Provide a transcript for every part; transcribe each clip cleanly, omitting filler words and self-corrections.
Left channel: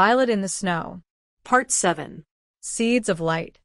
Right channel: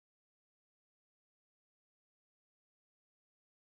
Violet in the Snow. Part 7. Seeds of Light.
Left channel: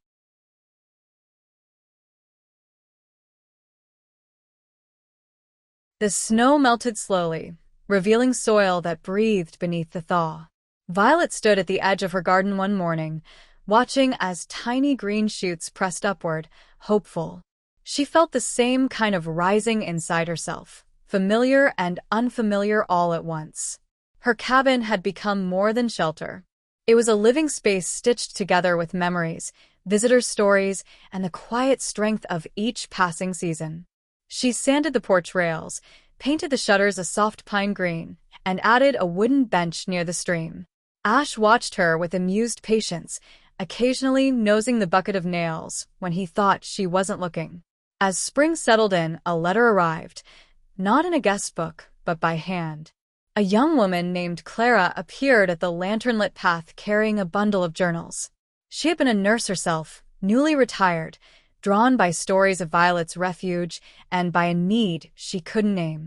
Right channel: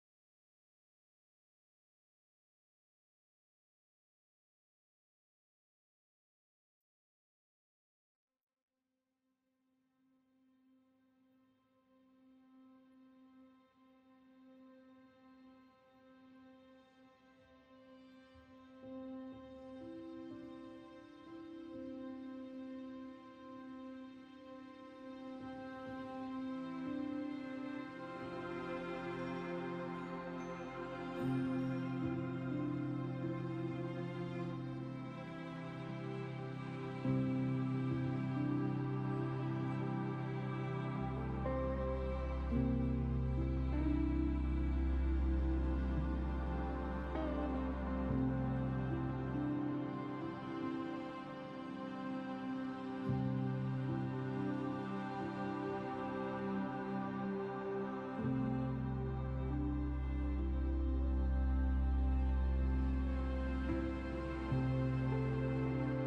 The snow melted slowly, revealing soil that breathed beneath the thaw. Violet stood at the edge of her garden one morning, watching as tiny green shoots pressed upward, hopeful. She felt the same kind of rising inside herself, familiar and unfamiliar all at once. Her cabin had become more than shelter. It was a living space stitched together with memories, visitor stories, and the quiet strength of each passing season. She sanded the porch rails, painted the shutters a soft pine green, and added a wooden bench near the stream. Ash watched her with amused patience, occasionally nosing the bucket of nails when he thought she wasn't looking. As spring settled in, a letter arrived, not in a guest book, but by hand. A young woman named Clara appeared at the lantern-lit path carrying a bundle of journals. She had been a nurse herself, newly retired, drawn by stories of Violet's refuge and by a need she couldn't name.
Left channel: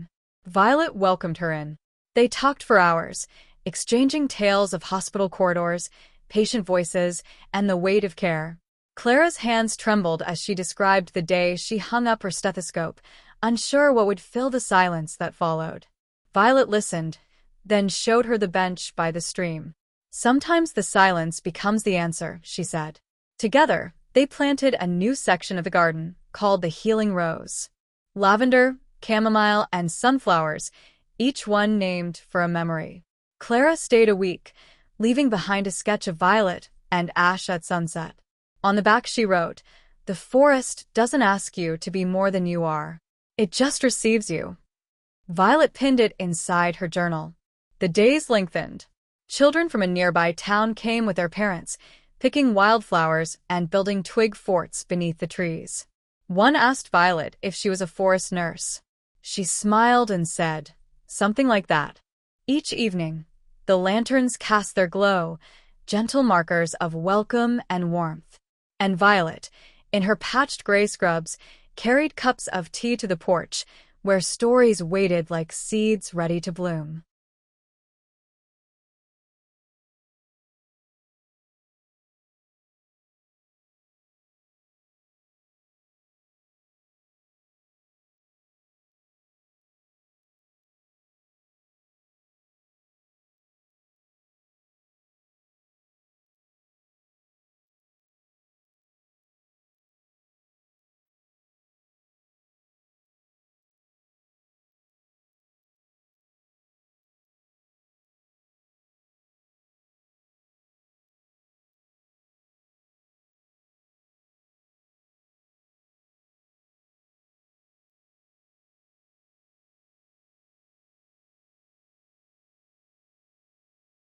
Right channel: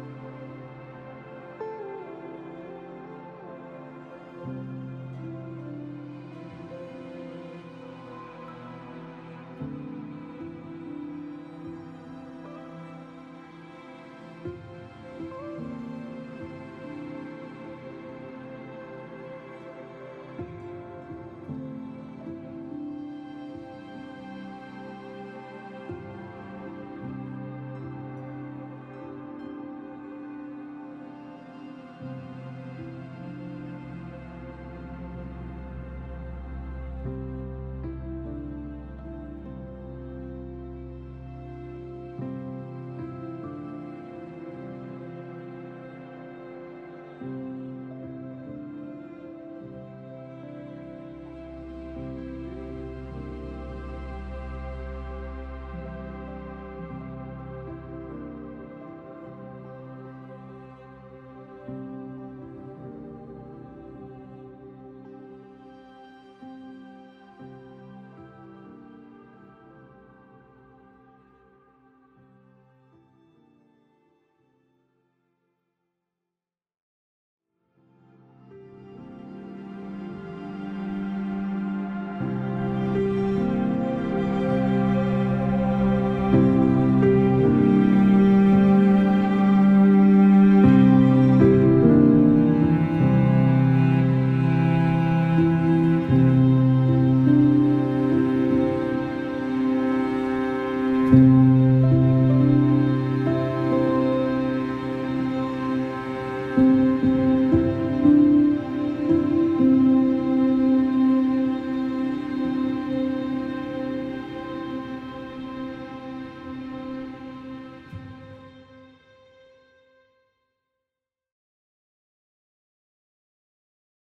Violet welcomed her in. They talked for hours, exchanging tales of hospital corridors, patient voices, and the weight of care. Clara's hands trembled as she described the day she hung up her stethoscope, unsure what would fill the silence that followed. Violet listened, then showed her the bench by the stream. "Sometimes the silence becomes the answer," she said. Together, they planted a new section of the garden called the Healing Rose. Lavender, chamomile, and sunflowers, each one named for a memory. Clara stayed a week, leaving behind a sketch of Violet and Ash at sunset. On the back she wrote, "The forest doesn't ask you to be more than you are. It just receives you." Violet pinned it inside her journal. The days lengthened. Children from a nearby town came with their parents, picking wildflowers and building twig forts beneath the trees. One asked Violet if she was a forest nurse. She smiled and said, "Something like that." Each evening, the lanterns cast their glow, gentle markers of welcome and warmth. And Violet, in her patched gray scrubs, carried cups of tea to the porch, where stories waited like seeds ready to bloom.